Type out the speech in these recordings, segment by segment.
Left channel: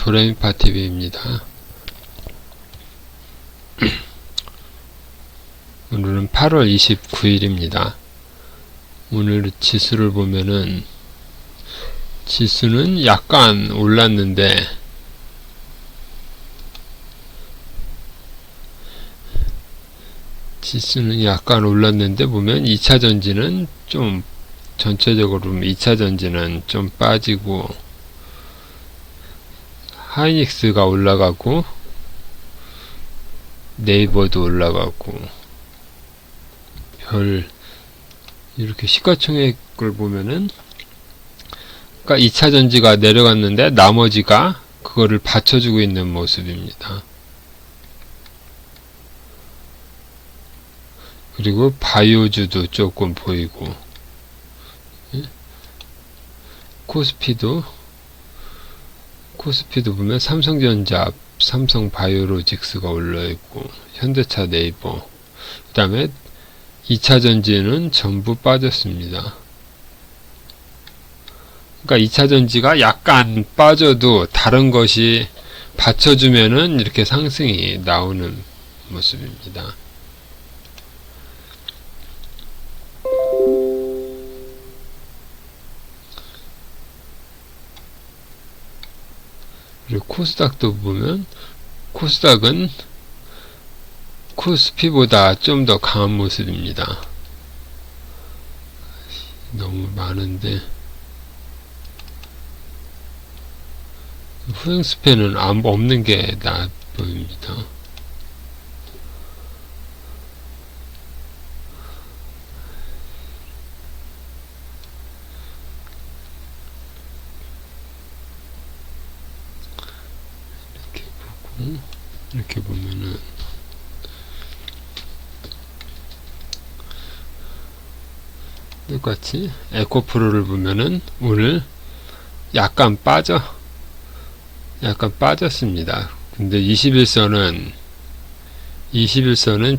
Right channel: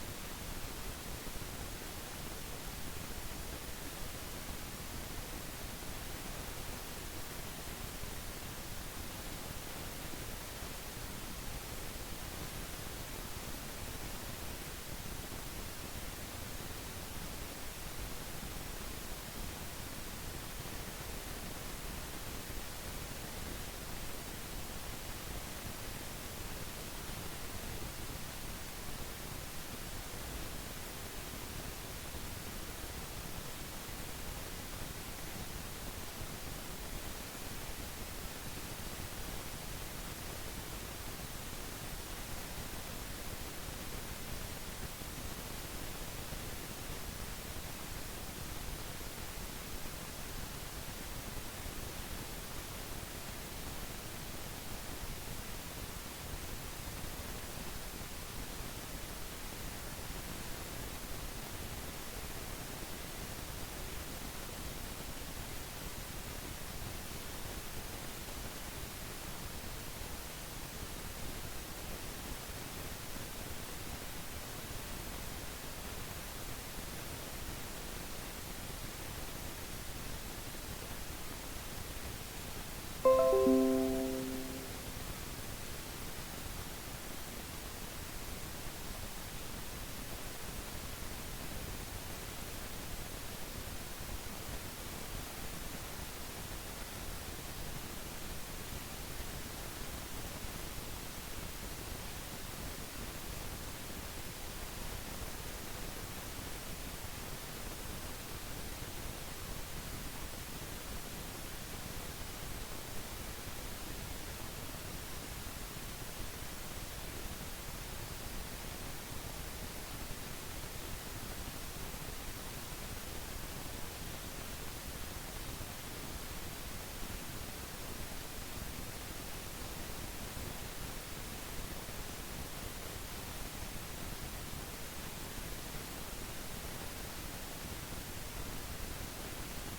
도레미파 TV입니다. 오늘은 8월 29일입니다. 오늘 지수를 보면은 지수는 약간 올랐는데 보면 2차 전지는 좀 전체적으로 보면 2차 전지는 좀 빠지고 하이닉스가 올라가고 네이버도 올라가고 이렇게 시가총액을 보면은 그러니까 2차 전지가 내려갔는데 나머지가 그거를 받쳐주고 있는 모습입니다. 그리고 바이오주도 조금 보이고 코스피도 보면 삼성전자, 삼성바이오로직스가 올라있고 현대차, 네이버, 그 다음에 2차 전지는 전부 빠졌습니다. 그러니까 2차 전지가 약간 빠져도 다른 것이 받쳐주면은 이렇게 상승이 나오는 모습입니다. 그리고 코스닥도 보면 코스닥은 코스피보다 좀 더 강한 모습입니다. 너무 많은데 후행스팬은 없는 게 나아 보입니다. 이렇게 보면은 똑같이 에코프로를 보면은 오늘 약간 빠졌습니다. 근데 21선은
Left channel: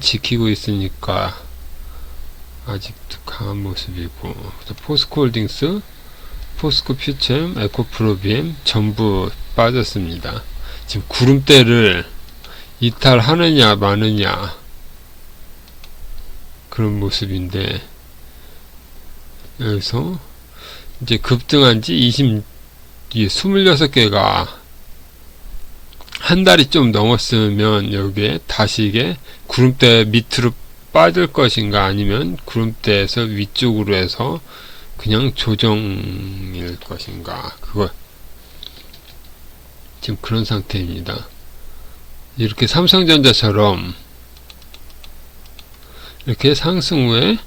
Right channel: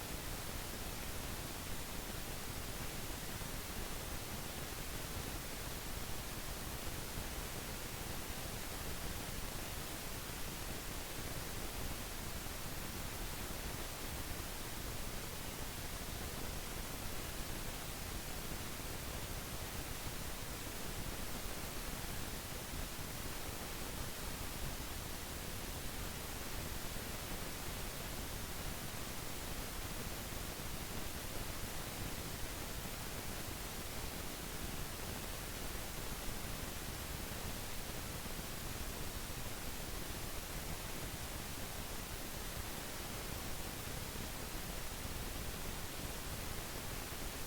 지키고 있으니까 아직도 강한 모습이고, 포스코홀딩스, 포스코퓨처엠, 에코프로비엠 전부 빠졌습니다. 지금 구름대를 이탈하느냐 마느냐 그런 모습인데, 여기서 이제 급등한 지 26개가 한 달이 좀 넘었으면 여기에 다시 이게 구름대 밑으로 빠질 것인가 아니면 구름대에서 위쪽으로 해서 그냥 조정일 것인가, 그거 지금 그런 상태입니다. 이렇게 삼성전자처럼 이렇게 상승 후에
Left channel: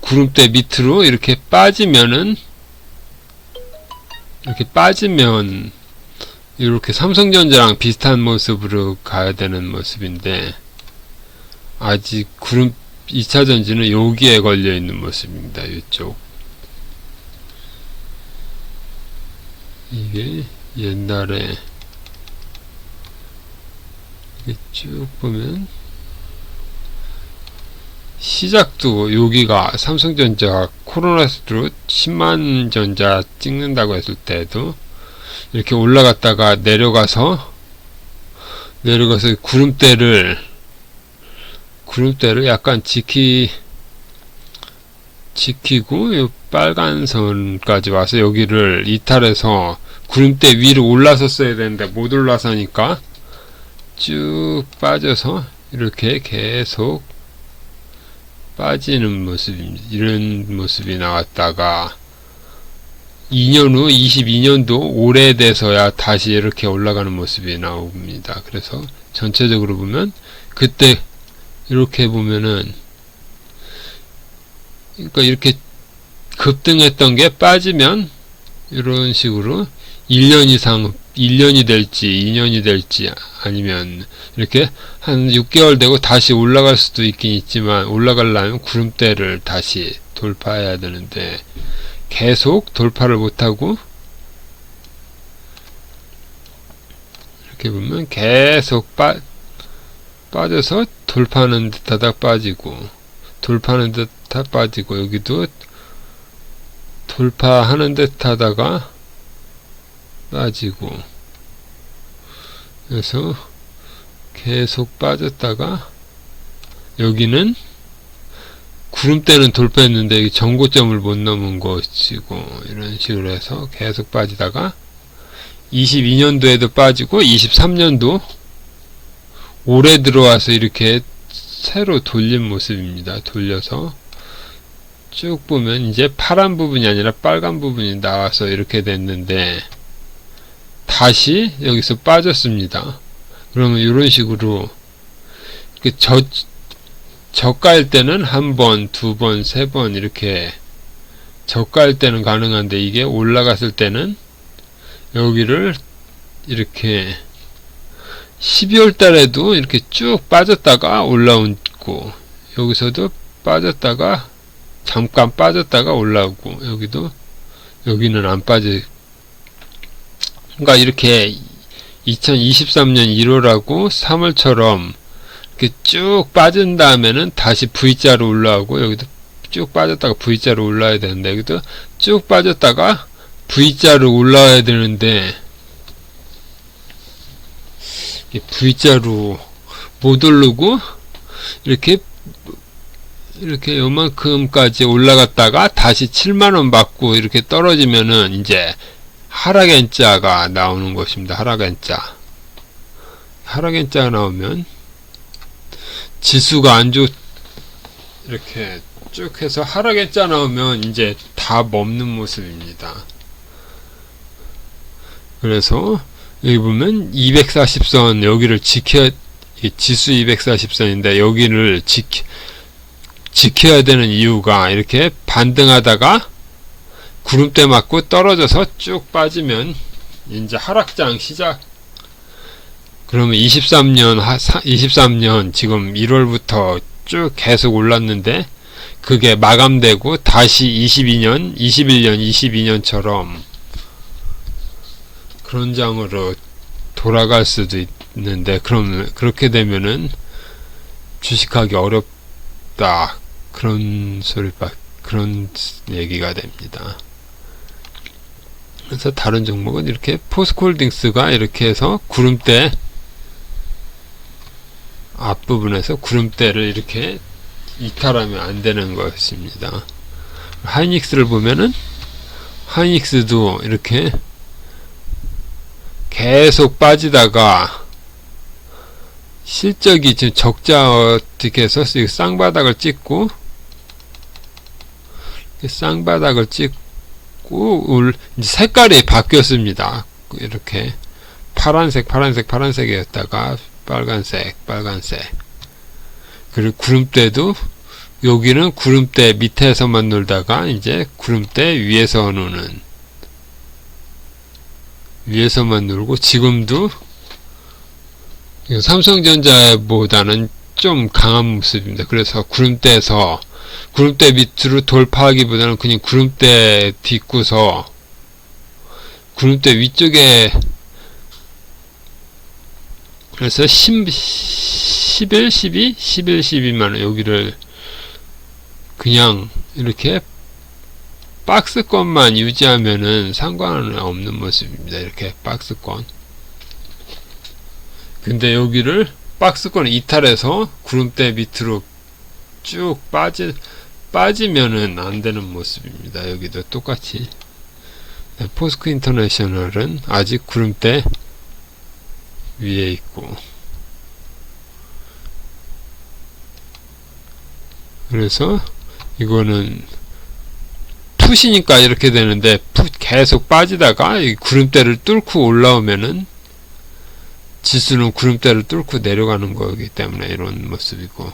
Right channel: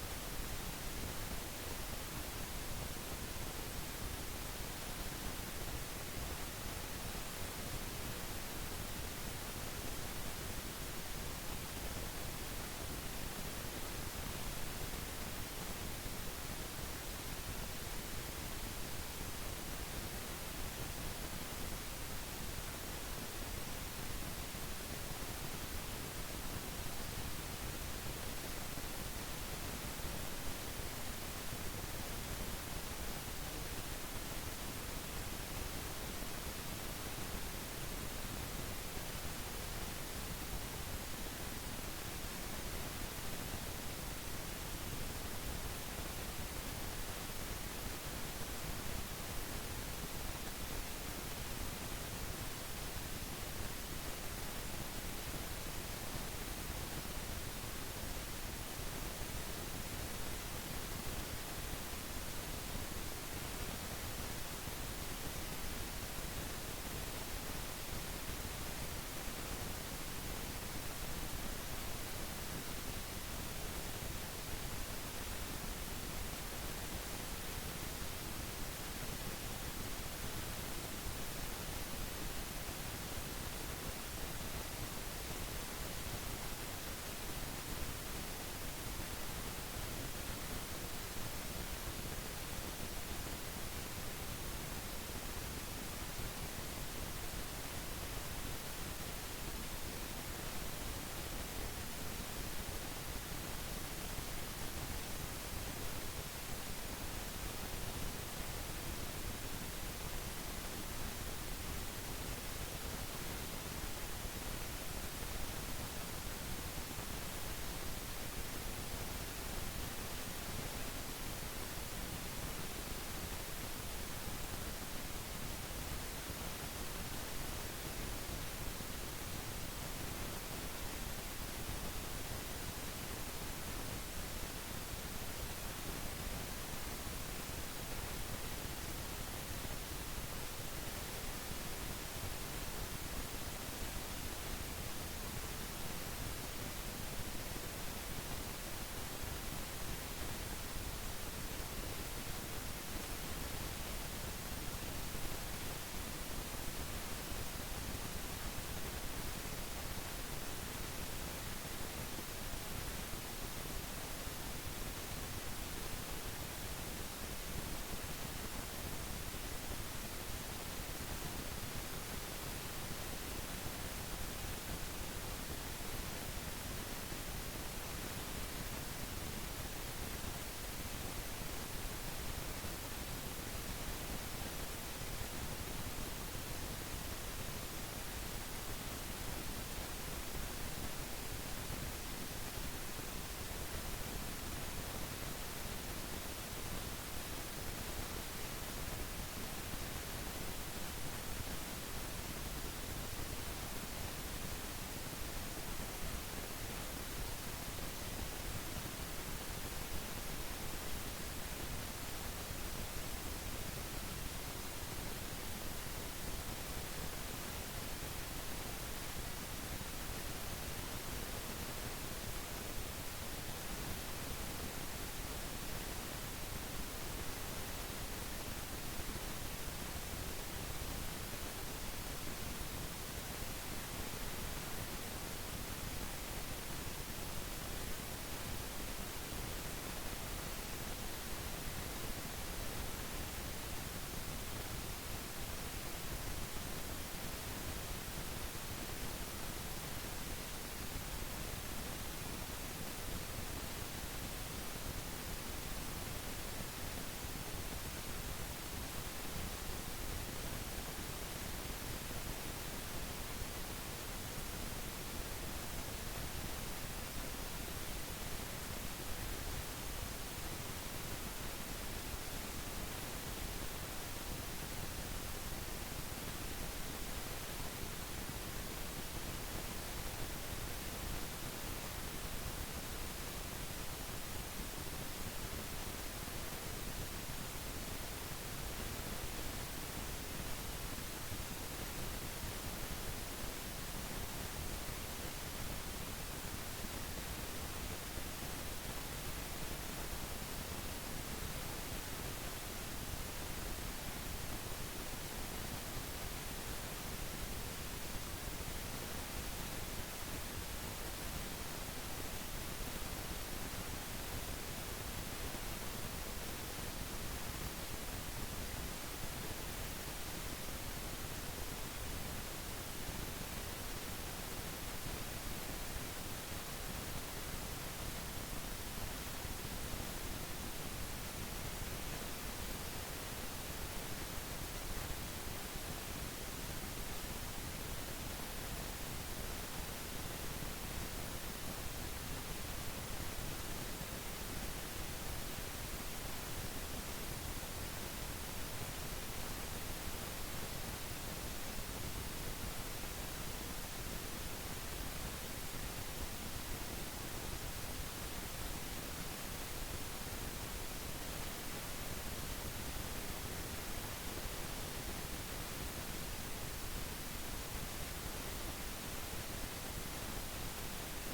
구름대 밑으로 이렇게 빠지면 이렇게 삼성전자랑 비슷한 모습으로 가야 되는 모습인데, 아직 2차 전지는 여기에 걸려 있는 모습입니다. 이쪽. 이게 옛날에 쭉 보면 시작도 여기가 삼성전자가 코로나로 10만 전자 찍는다고 했을 때도 이렇게 올라갔다가 내려가서 구름대를 약간 지키고 요 빨간 선까지 와서 여기를 이탈해서 구름대 위로 올라섰어야 되는데 못 올라서니까 쭉 빠져서 이렇게 계속 빠지는 모습입니다. 이런 모습이 나왔다가 2년 후 22년도 오래돼서야 다시 이렇게 올라가는 모습이 나옵니다. 그래서 전체적으로 보면 그때 이렇게 보면은, 그러니까 이렇게 급등했던 게 빠지면 이런 식으로 1년이 될지 2년이 될지 아니면 이렇게 한 6개월 되고 다시 올라갈 수도 있긴 있지만, 올라가려면 구름대를 다시 돌파해야 되는데 계속 돌파를 못하고 이렇게 보면 계속 빠져서 돌파하는 듯하다 빠지고, 돌파하는 듯하다 빠지고, 여기도 돌파하는 듯 하다가 빠지고, 그래서 계속 빠졌다가 여기는 구름대는 돌파했는데 여기 전고점을 못 넘은 것이고, 이런 식으로 해서 계속 빠지다가 22년도에도 빠지고 23년도 올해 들어와서 이렇게 새로 돌린 모습입니다. 돌려서 쭉 보면 이제 파란 부분이 아니라 빨간 부분이 나와서 이렇게 됐는데 다시 여기서 빠졌습니다. 그러면 이런 식으로 저가일 때는 한 번, 두 번, 세 번 이렇게 저가일 때는 가능한데, 이게 올라갔을 때는 여기를 이렇게 12월 달에도 이렇게 쭉 빠졌다가 올라오고, 여기서도 빠졌다가 잠깐 빠졌다가 올라오고, 여기는 안 빠지. 그러니까 이렇게 2023년 1월하고 3월처럼 이렇게 쭉 빠진 다음에는 다시 V자로 올라오고, 여기도 쭉 빠졌다가 V자로 올라와야 되는데, 여기도 쭉 빠졌다가 V자로 올라와야 되는데, V자로 못 오르고 이렇게 요만큼까지 올라갔다가 다시 7만원 받고 이렇게 떨어지면은 이제 하락N자가 나오는 것입니다. 하락N자가 나오면 지수가 안 이렇게 쭉 해서 하락N자 나오면 이제 다 먹는 모습입니다. 그래서 여기 보면 240선 여기를 지수 240선인데 여기를 지켜야 되는 이유가, 이렇게 반등하다가 구름대 맞고 떨어져서 쭉 빠지면 이제 하락장 시작. 그러면 23년 지금 1월부터 쭉 계속 올랐는데 그게 마감되고 다시 21년, 22년처럼 그런 장으로 돌아갈 수도 있는데, 그럼 그렇게 되면은 주식하기 어렵다, 그런 얘기가 됩니다. 그래서 다른 종목은 이렇게 포스코홀딩스가 이렇게 해서 구름대 앞부분에서 구름대를 이렇게 이탈하면 안 되는 것입니다. 하이닉스를 보면은 하이닉스도 이렇게 계속 빠지다가 실적이 지금 적자 어떻게 해서 쌍바닥을 찍고 이제 색깔이 바뀌었습니다. 이렇게 파란색이었다가 빨간색. 그리고 구름대도 여기는 구름대 밑에서만 놀다가 이제 구름대 위에서만 놀고, 지금도 삼성전자보다는 좀 강한 모습입니다. 그래서 구름대 밑으로 돌파하기보다는 그냥 구름대 딛고서 구름대 위쪽에, 그래서 11, 12만원 여기를 그냥 이렇게 박스권만 유지하면은 상관은 없는 모습입니다. 이렇게 박스권. 근데 여기를 박스권 이탈해서 구름대 밑으로 쭉 빠지면은 안 되는 모습입니다. 여기도 똑같이. 포스코 인터내셔널은 아직 구름대 위에 있고, 그래서 이거는 풋이니까 이렇게 되는데, 계속 빠지다가 이 구름대를 뚫고 올라오면은 지수는 구름대를 뚫고 내려가는 거기 때문에 이런 모습이고,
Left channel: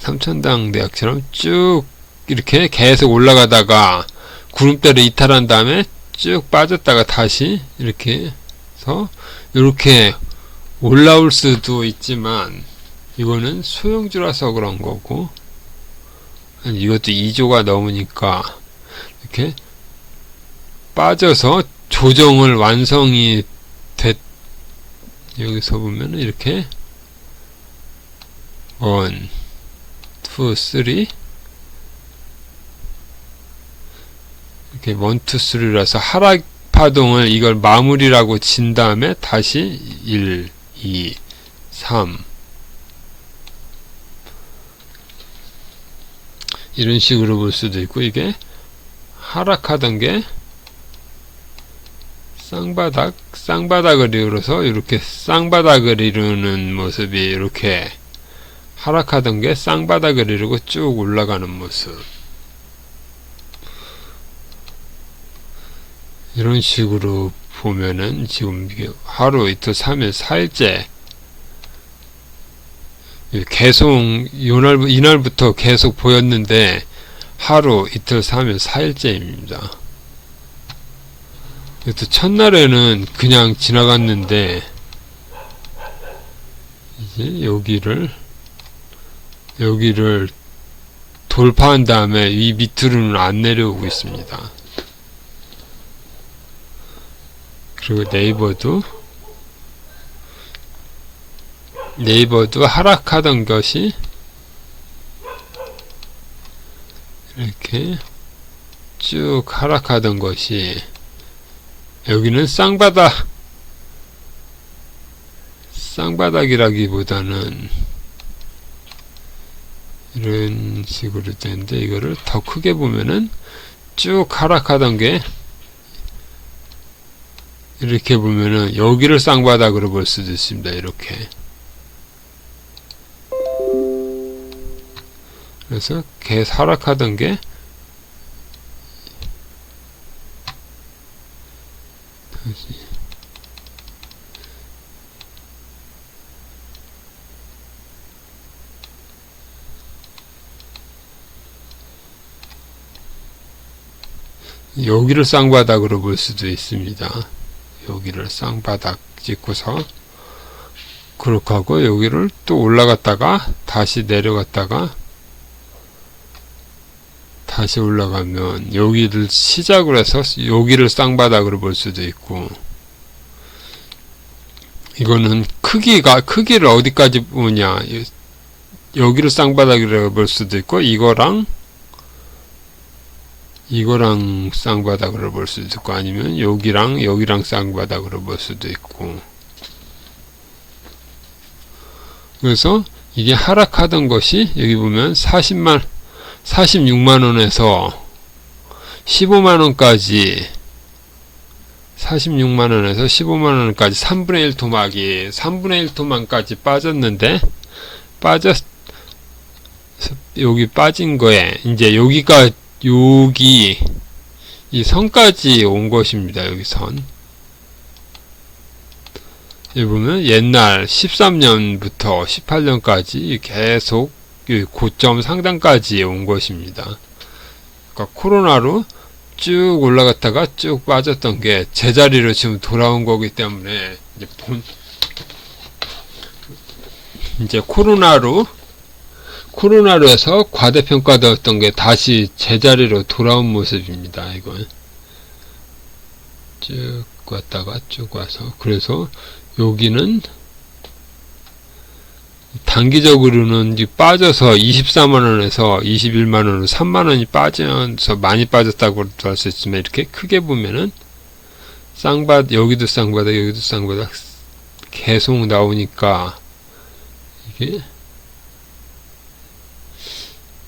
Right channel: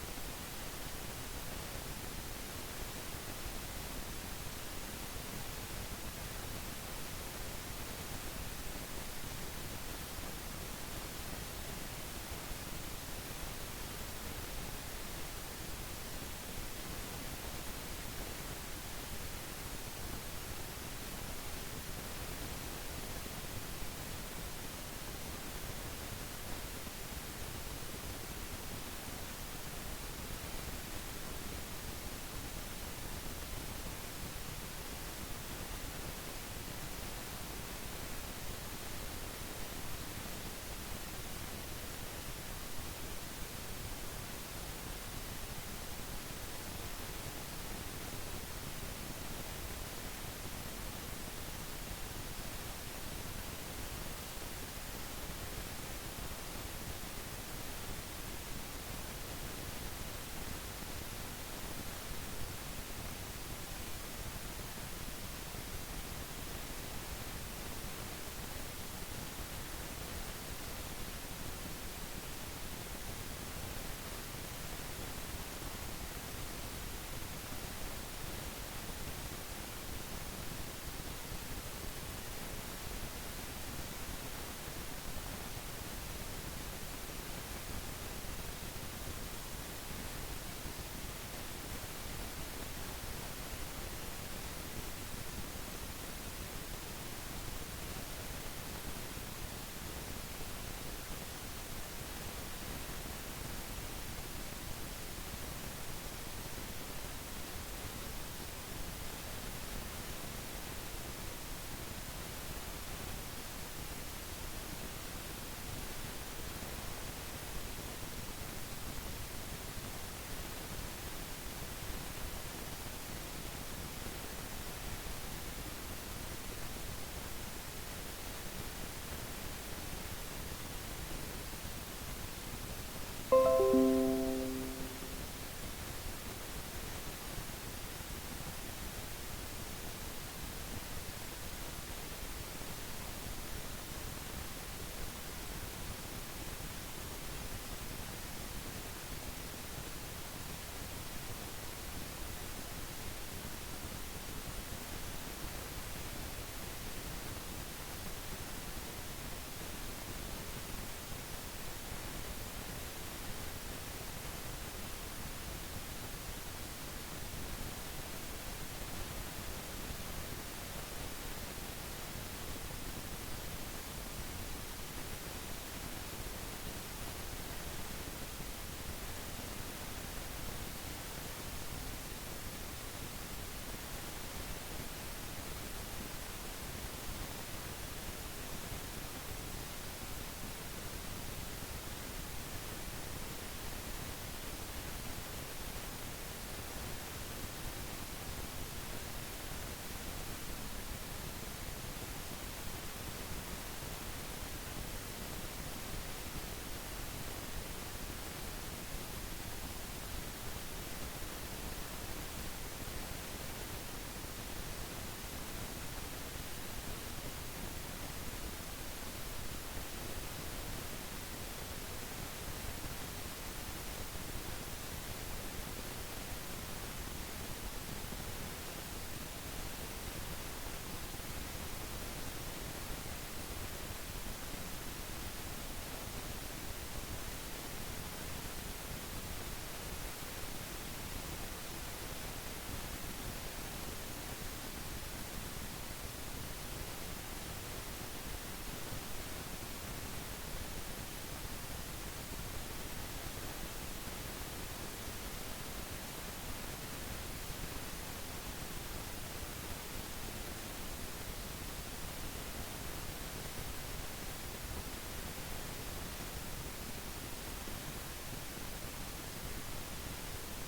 삼천당 대학처럼 쭉 이렇게 계속 올라가다가 구름대를 이탈한 다음에 쭉 빠졌다가 다시 이렇게 해서 이렇게 올라올 수도 있지만, 이거는 소형주라서 그런 거고, 이것도 2조가 넘으니까 이렇게 빠져서 조정을 완성이 여기서 보면 이렇게 1, 2, 3 이렇게 1, 2, 3라서 파동을 이걸 마무리라고 친 다음에 다시 1, 2, 3 이런 식으로 볼 수도 있고, 이게 하락하던 게 쌍바닥을 이루어서 이렇게 쌍바닥을 이루는 모습이, 이렇게 하락하던 게 쌍바닥을 이루고 쭉 올라가는 모습, 이런 식으로 보면은 지금 이게 하루, 이틀, 3일, 4일째 계속 이날부터 계속 보였는데 하루, 이틀, 3일, 4일째입니다. 그래서 첫날에는 그냥 지나갔는데 이제 여기를 돌파한 다음에 이 밑으로는 안 내려오고 있습니다. 그리고 네이버도 하락하던 것이 이렇게 쭉 하락하던 것이 여기는 쌍바닥이라기보다는 이런 식으로 되는데, 이거를 더 크게 보면은 쭉 하락하던 게 이렇게 보면은 여기를 쌍바닥으로 볼 수도 있습니다. 이렇게. 그래서 계속 하락하던 게 여기를 쌍바닥으로 볼 수도 있습니다. 여기를 쌍바닥 찍고서 그렇게 하고, 여기를 또 올라갔다가 다시 내려갔다가 다시 올라가면 여기를 시작으로 해서 여기를 쌍바닥으로 볼 수도 있고, 이거는 크기를 어디까지 보냐, 여기를 쌍바닥이라고 볼 수도 있고, 이거랑 쌍바닥으로 볼 수도 있고, 아니면 여기랑 쌍바닥으로 볼 수도 있고. 그래서 이게 하락하던 것이 여기 보면 46만원에서 15만원까지 46만원에서 15만원까지 3분의 1 토막이 3분의 1 토막까지 빠졌는데, 여기 빠진 거에 이제 여기 이 선까지 온 것입니다. 여기 선. 여기 보면 옛날 13년부터 18년까지 계속 고점 상단까지 온 것입니다. 그러니까 코로나로 쭉 올라갔다가 쭉 빠졌던 게 제자리로 지금 돌아온 거기 때문에 이제 코로나로 해서 과대평가되었던 게 다시 제자리로 돌아온 모습입니다. 이건 쭉 왔다가 쭉 와서, 그래서 여기는 단기적으로는 빠져서 24만원에서 21만원으로 3만원이 빠져서 많이 빠졌다고 할 수 있지만, 이렇게 크게 보면은 여기도 쌍바닥, 여기도 쌍바닥 계속 나오니까, 이게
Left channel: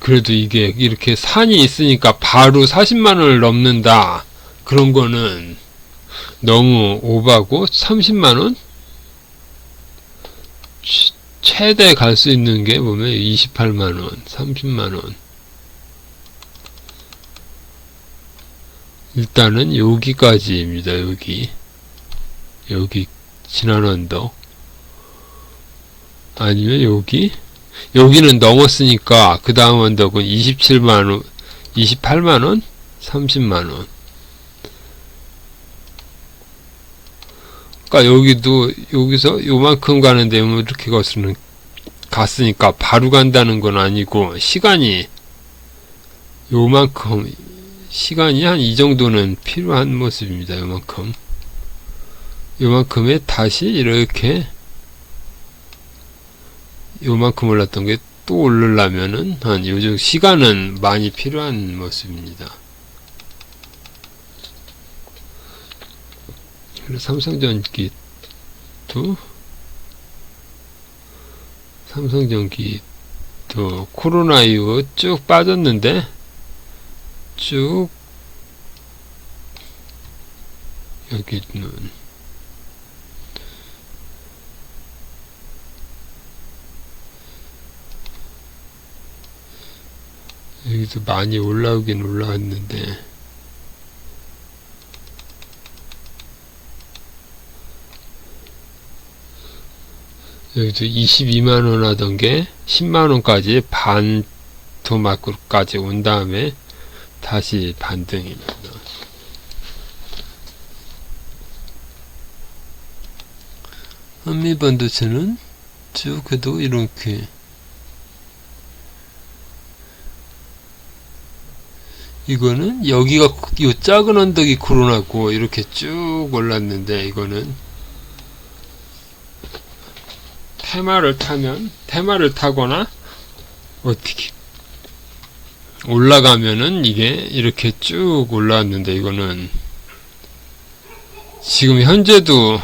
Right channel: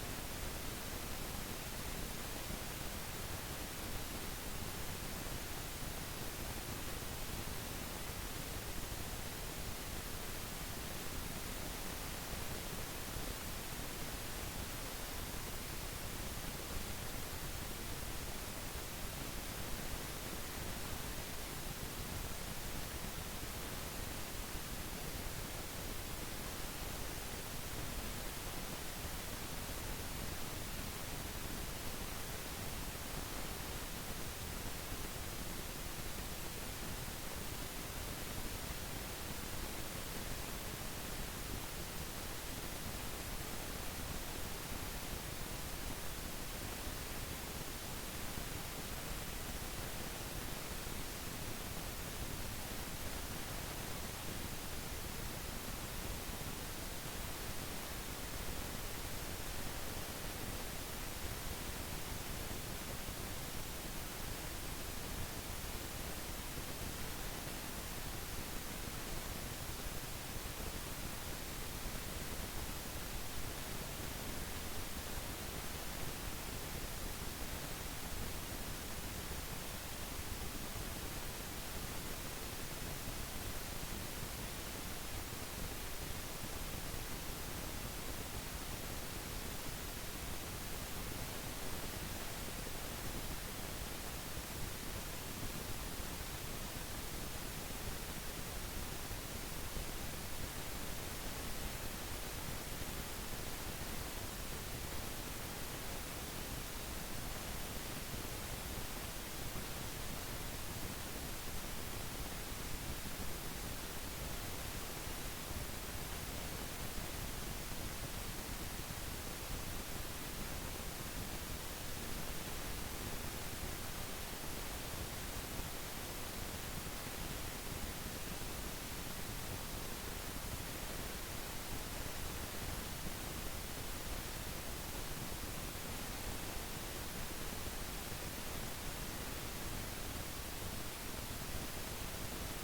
그래도 이게 이렇게 산이 있으니까 바로 40만원을 넘는다, 그런 거는 너무 오바고, 30만원? 최대 갈 수 있는 게 보면 28만원, 30만원. 일단은 여기까지입니다. 여기 지난 언덕, 아니면 여기는 넘었으니까 그 다음 언덕은 27만원, 28만원, 30만원. 그러니까 여기서 요만큼 가는데 이렇게 갔으니까 바로 간다는 건 아니고, 시간이 한 이 정도는 필요한 모습입니다. 요만큼에 다시 이렇게 요만큼 올랐던 게 또 오르려면은 한 요즘 시간은 많이 필요한 모습입니다. 그리고 삼성전기도 코로나 이후 쭉 빠졌는데 쭉 여기는 여기도 많이 올라오긴 올라왔는데 여기도 22만원 하던 게 10만원까지 반 토막까지 온 다음에 다시 반등입니다. 한미반도체는 쭉 해도 이렇게 이거는 여기가 요 작은 언덕이 코로나고 이렇게 쭉 올랐는데 이거는 테마를 타거나 어떻게 올라가면은 이게 이렇게 쭉 올라왔는데 이거는 지금 현재도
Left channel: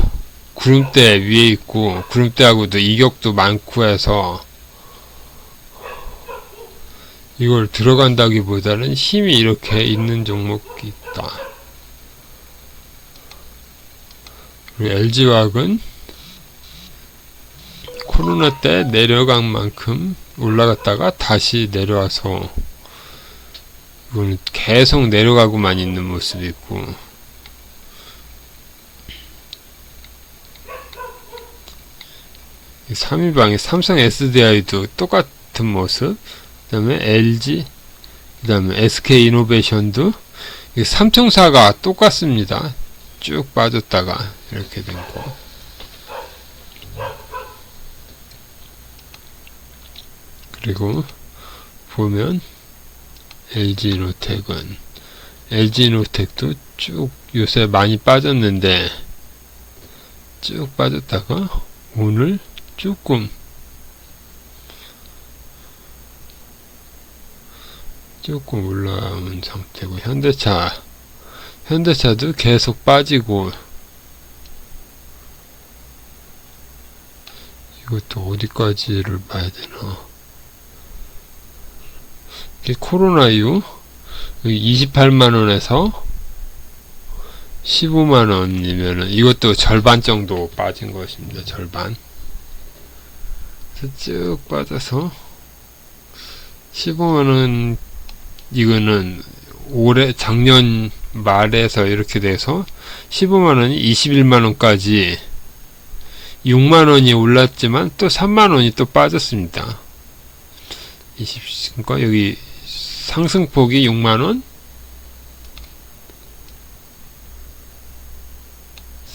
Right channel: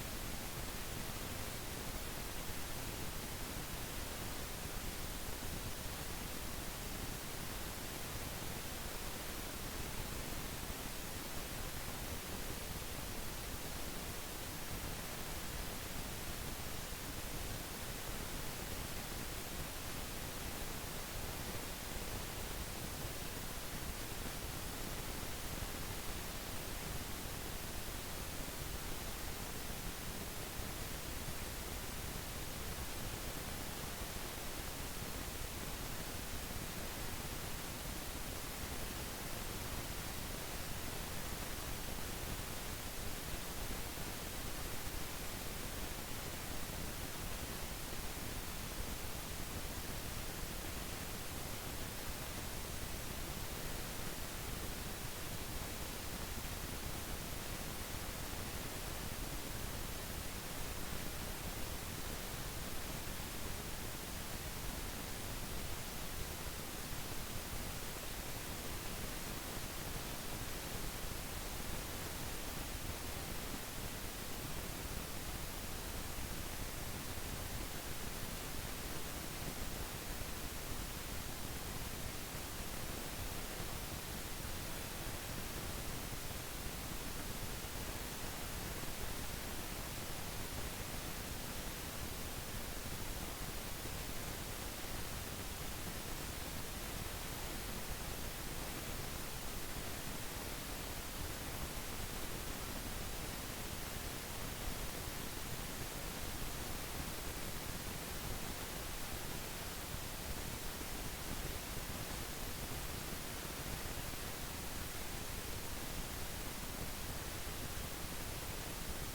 구름대 위에 있고 구름대하고도 이격도 많고 해서 이걸 들어간다기보다는 힘이 이렇게 있는 종목이 있다. 그리고 LG화학은 코로나 때 내려간 만큼 올라갔다가 다시 내려와서 이거는 계속 내려가고만 있는 모습이 있고 삼위방의 삼성 SDI도 똑같은 모습, 그 다음에 LG, 그 다음에 SK이노베이션도 삼총사가 똑같습니다. 쭉 빠졌다가 이렇게 된 거. 그리고 보면 LG노텍도 쭉 요새 많이 빠졌는데 쭉 빠졌다가 오늘 조금 올라온 상태고 현대차도 계속 빠지고 이것도 어디까지를 봐야 되나. 코로나 이후 28만원에서 15만원이면은 이것도 절반 정도 빠진 것입니다. 절반. 쭉 빠져서 15만원 이거는 작년 말에서 이렇게 돼서 15만원이 21만원까지 6만원이 올랐지만 또 3만원이 또 빠졌습니다. 그러니까 여기 상승폭이 6만원,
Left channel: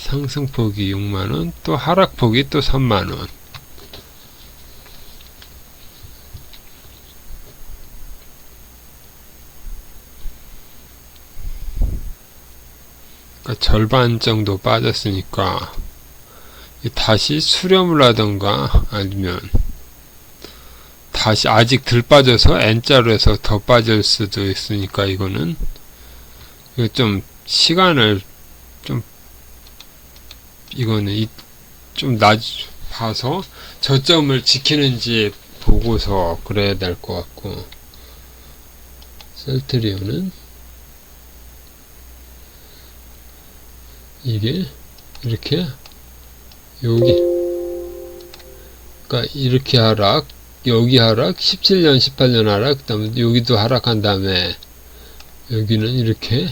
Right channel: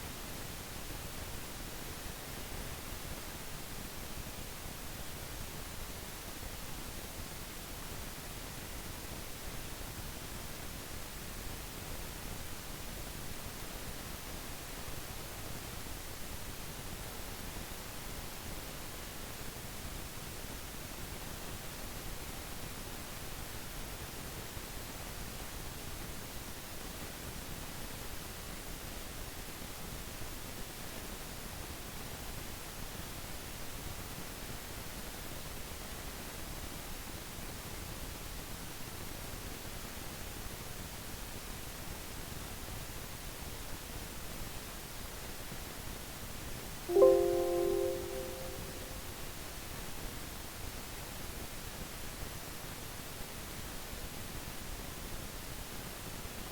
상승폭이 6만원, 또 하락폭이 또 3만원. 그러니까 절반 정도 빠졌으니까 다시 수렴을 하던가 아니면 다시 아직 덜 빠져서 N자로 해서 더 빠질 수도 있으니까 이거는 좀 시간을 이거는 좀 봐서 저점을 지키는지 보고서 그래야 될 것 같고 셀트리온은 이게 이렇게 그러니까 이렇게 하락, 여기 하락, 17년, 18년 하락, 그 다음에 여기도 하락한 다음에 여기는 이렇게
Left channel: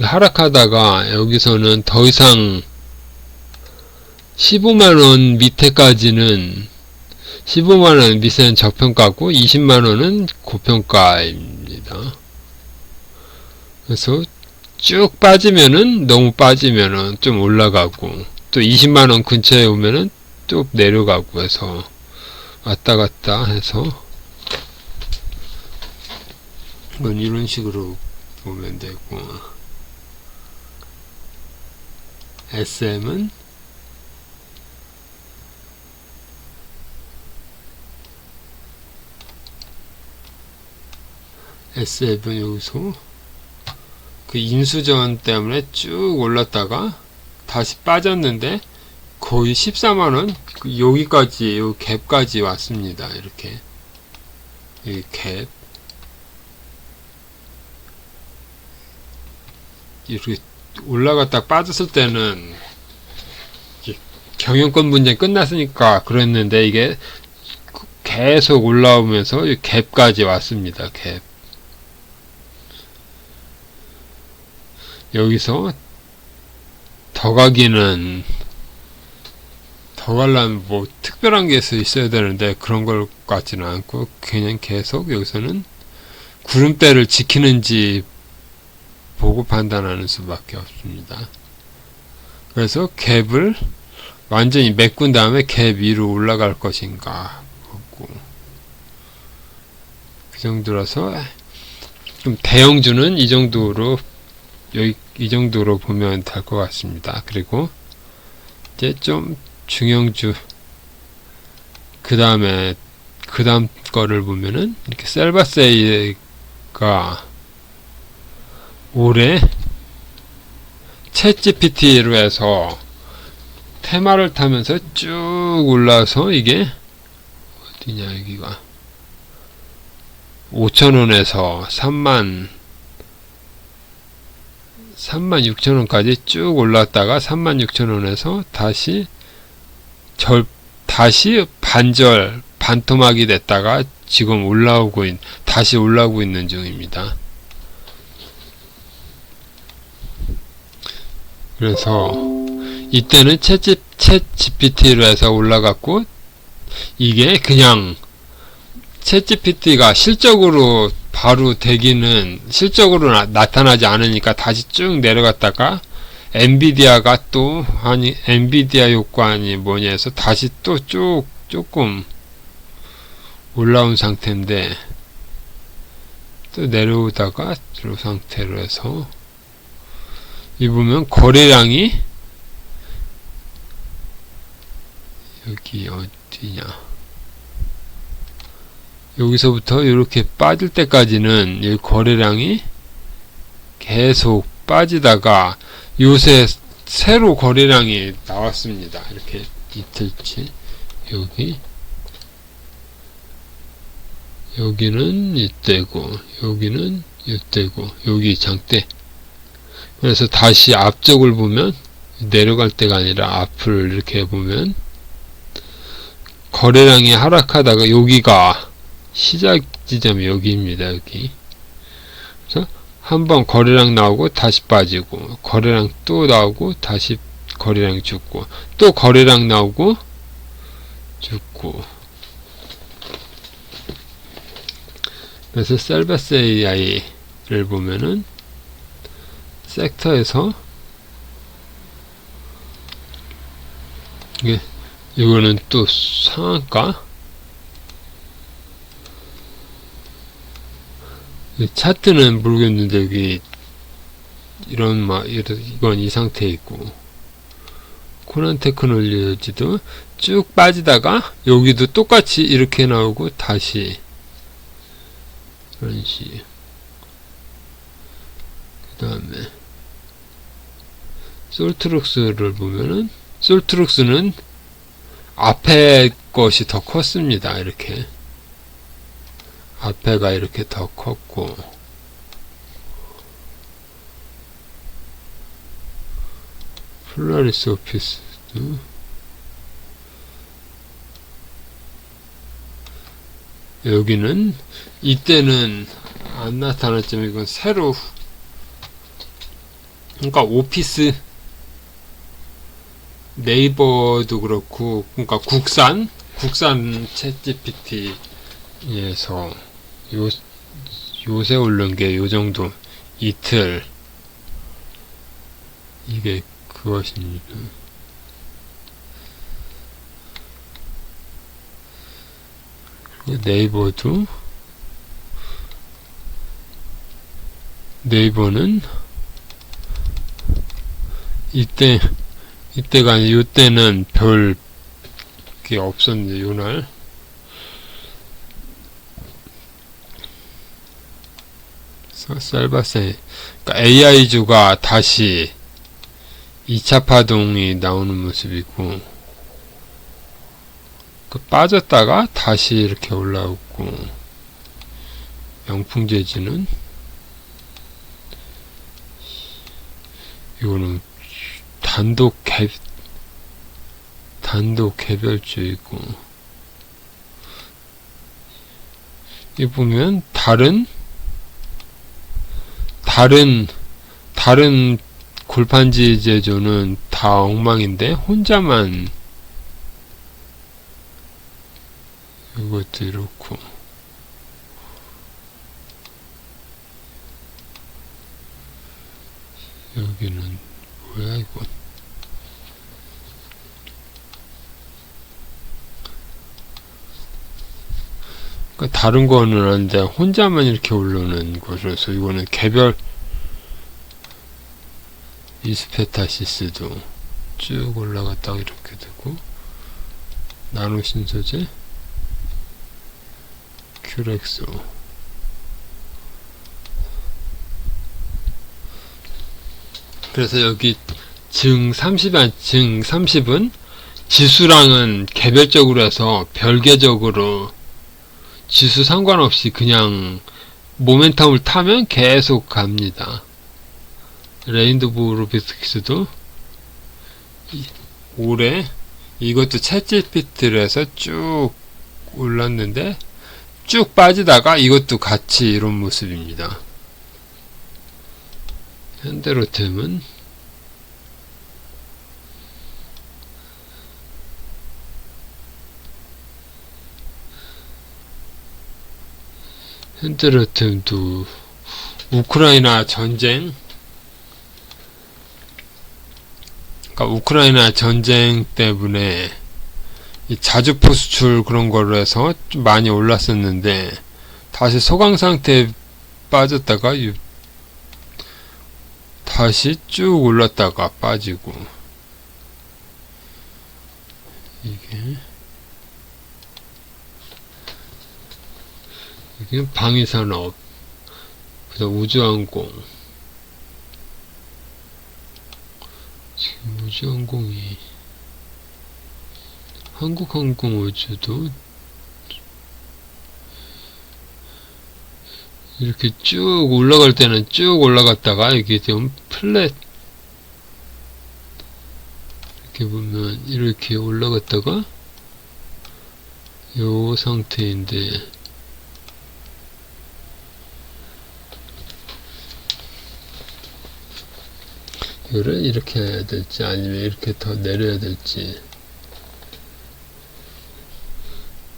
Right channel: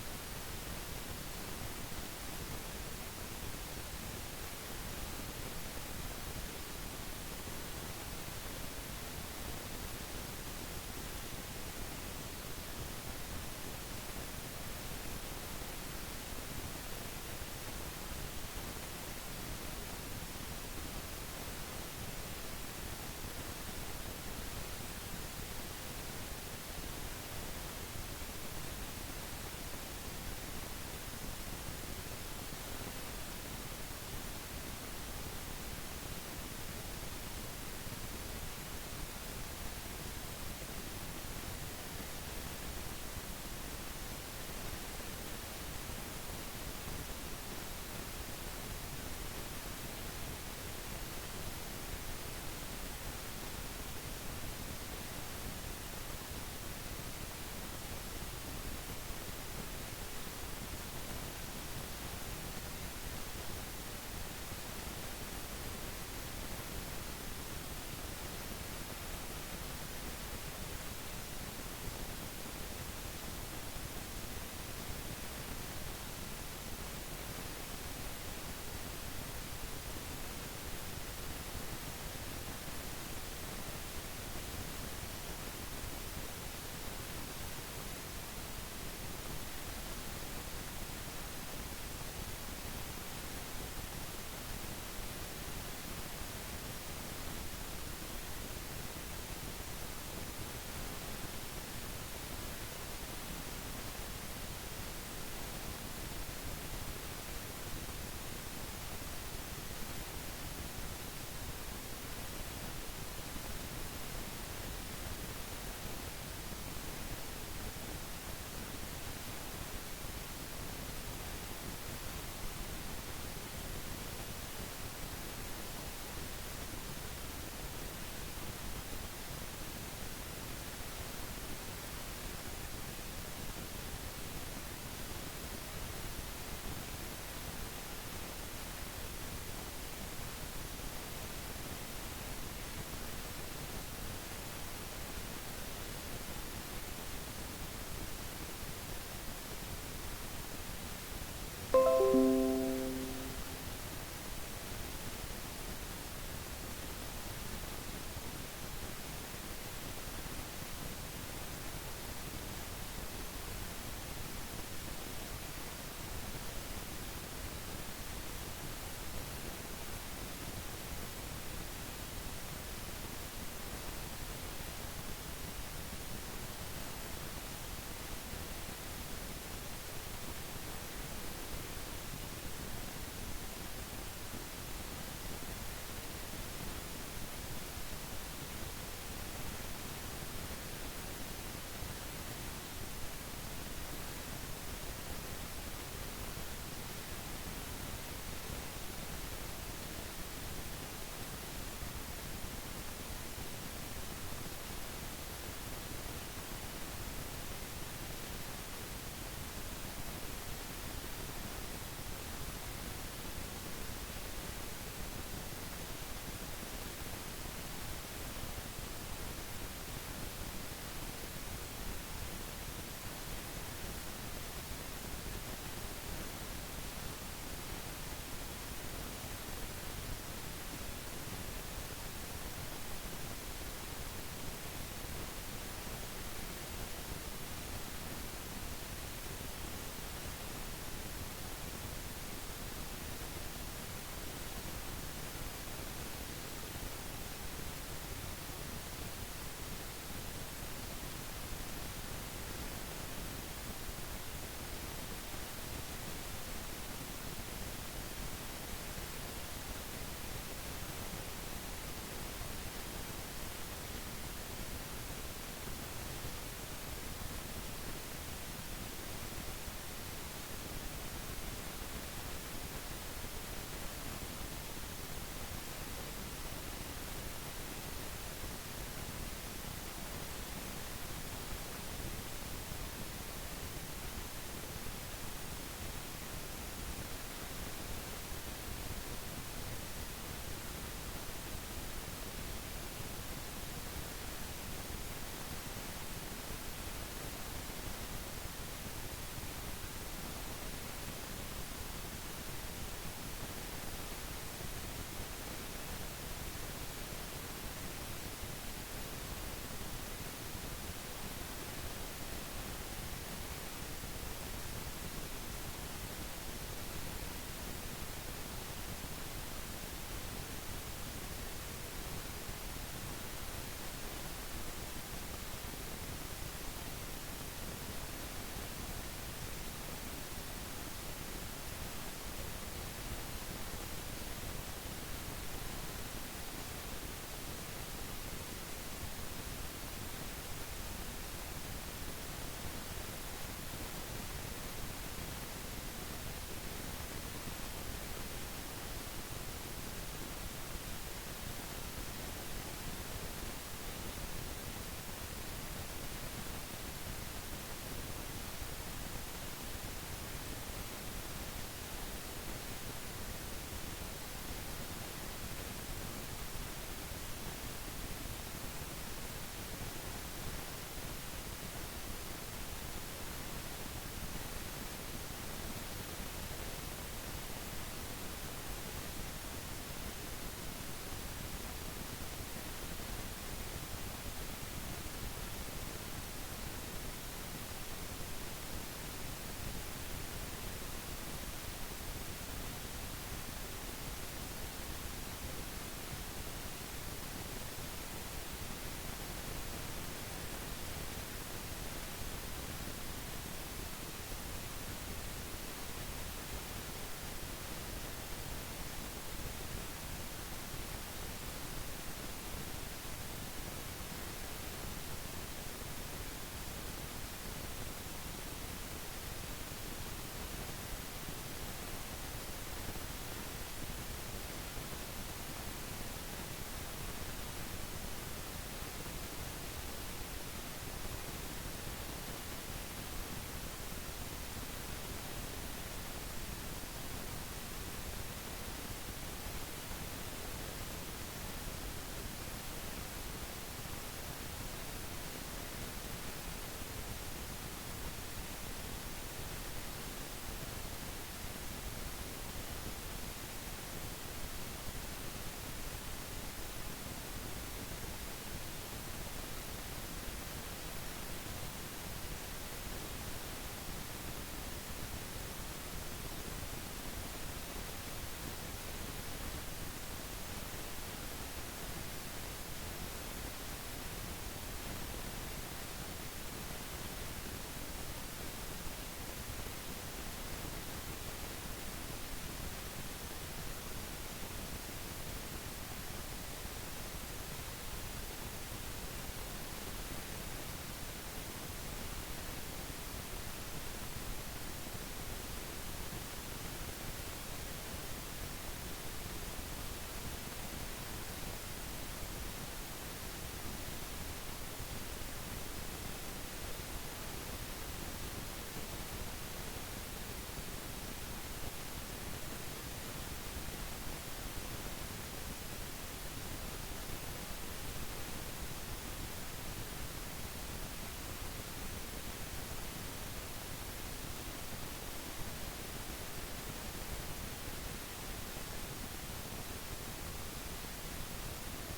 하락하다가 여기서는 더 이상 15만원 밑에까지는 15만원 밑에는 저평가고 20만원은 고평가입니다. 그래서 쭉 빠지면은 너무 빠지면은 좀 올라가고 또 20만원 근처에 오면은 또 내려가고 해서 왔다 갔다 해서 이건 이런 식으로 보면 되고 SM은 여기서 그 인수전 때문에 쭉 올랐다가 다시 빠졌는데 거의 14만원 여기까지 요 갭까지 왔습니다. 이렇게 이 갭 이렇게 올라갔다 빠졌을 때는 경영권 분쟁 끝났으니까 그랬는데 이게 계속 올라오면서 이 갭까지 왔습니다. 갭 여기서 더 가기는 더 가려면 뭐 특별한 게 있어야 되는데 그런 것 같지는 않고 그냥 계속 여기서는 구름대를 지키는지 보고 판단하는 수밖에 없습니다. 그래서 갭을 완전히 메꾼 다음에 갭 위로 올라갈 것인가 보고 그 정도라서 좀 대형주는 이 정도로 이 정도로 보면 될 것 같습니다. 그리고 이제 좀 중형주 그 다음 거를 보면은 이렇게 셀바세이가 올해 챗GPT로 해서 테마를 타면서 쭉 올라서 이게 어디냐 여기가 5,000원에서 36,000원까지 쭉 올랐다가 36,000원에서 다시 반토막이 됐다가 지금 다시 올라오고 있는 중입니다. 그래서 이때는 챗 GPT로 해서 올라갔고 이게 그냥 챗 GPT가 실적으로 바로 실적으로 나타나지 않으니까 다시 쭉 내려갔다가 엔비디아가 엔비디아 효과니 뭐냐 해서 다시 또 조금 올라온 상태인데 또 내려오다가 이 상태로 해서 이 보면 거래량이 여기 어디냐 여기서부터 이렇게 빠질 때까지는 이 거래량이 계속 빠지다가 요새 새로 거래량이 나왔습니다. 이렇게 이틀치 여기는 이때고 여기는 이때고 여기 장대 그래서 다시 앞쪽을 보면 내려갈 때가 아니라 앞을 이렇게 보면 거래량이 하락하다가 여기가 시작 지점이 여기입니다. 여기 그래서 한번 거래량 나오고 다시 빠지고 거래량 또 나오고 다시 거래량 죽고 또 거래량 나오고 죽고 그래서 셀바스 AI를 보면은 섹터에서 이거는 또 상한가 차트는 모르겠는데 여기 이건 이 상태에 있고 코난 테크놀로지도 쭉 빠지다가 여기도 똑같이 이렇게 나오고 다시 그런 식 그 다음에 솔트룩스를 보면은 솔트룩스는 앞에 것이 더 컸습니다. 이렇게 앞에가 이렇게 더 컸고 플라리스 오피스도 여기는 이때는 안 나타났지만 이건 새로 그러니까 오피스 네이버도 그렇고 그러니까 국산 챗GPT에서 요새 오른 게 요 정도 이틀 이게 그것입니다. 네이버는 이때가 아니라 요때는 별 게 없었는데 요날 셀바세, 그러니까 AI주가 다시 2차 파동이 나오는 모습이고, 빠졌다가 다시 이렇게 올라오고, 영풍재지는 이거는 단독 개별주이고, 이 보면 다른 골판지 제조는 다 엉망인데 혼자만 이것도 이렇고, 여기는 뭐야 이거. 그러니까 다른 거는 아닌데 혼자만 이렇게 올라오는 거라서 이거는 개별. 이스페타시스도 쭉 올라갔다가 이렇게 되고, 나노신소재, 큐렉소. 그래서 여기 증 30은 지수랑은 개별적으로 해서 별개적으로 지수 상관없이 그냥 모멘텀을 타면 계속 갑니다. 레인보우로비스키스도 올해 이것도 챗GPT를 해서 쭉 올랐는데 쭉 빠지다가 이것도 같이 이런 모습입니다. 현대로템은 우크라이나 전쟁, 그러니까 우크라이나 전쟁 때문에 이 자주포 수출 그런 걸로 해서 좀 많이 올랐었는데 다시 소강 상태에 빠졌다가 다시 쭉 올랐다가 빠지고, 이게 방위산업, 그래서 우주항공. 지금 우주항공이 한국항공우주도 이렇게 쭉 올라갈 때는 쭉 올라갔다가 이게 좀 플랫, 이렇게 보면 이렇게 올라갔다가 요 상태인데, 이거를 이렇게 해야 될지 아니면 이렇게 더 내려야 될지,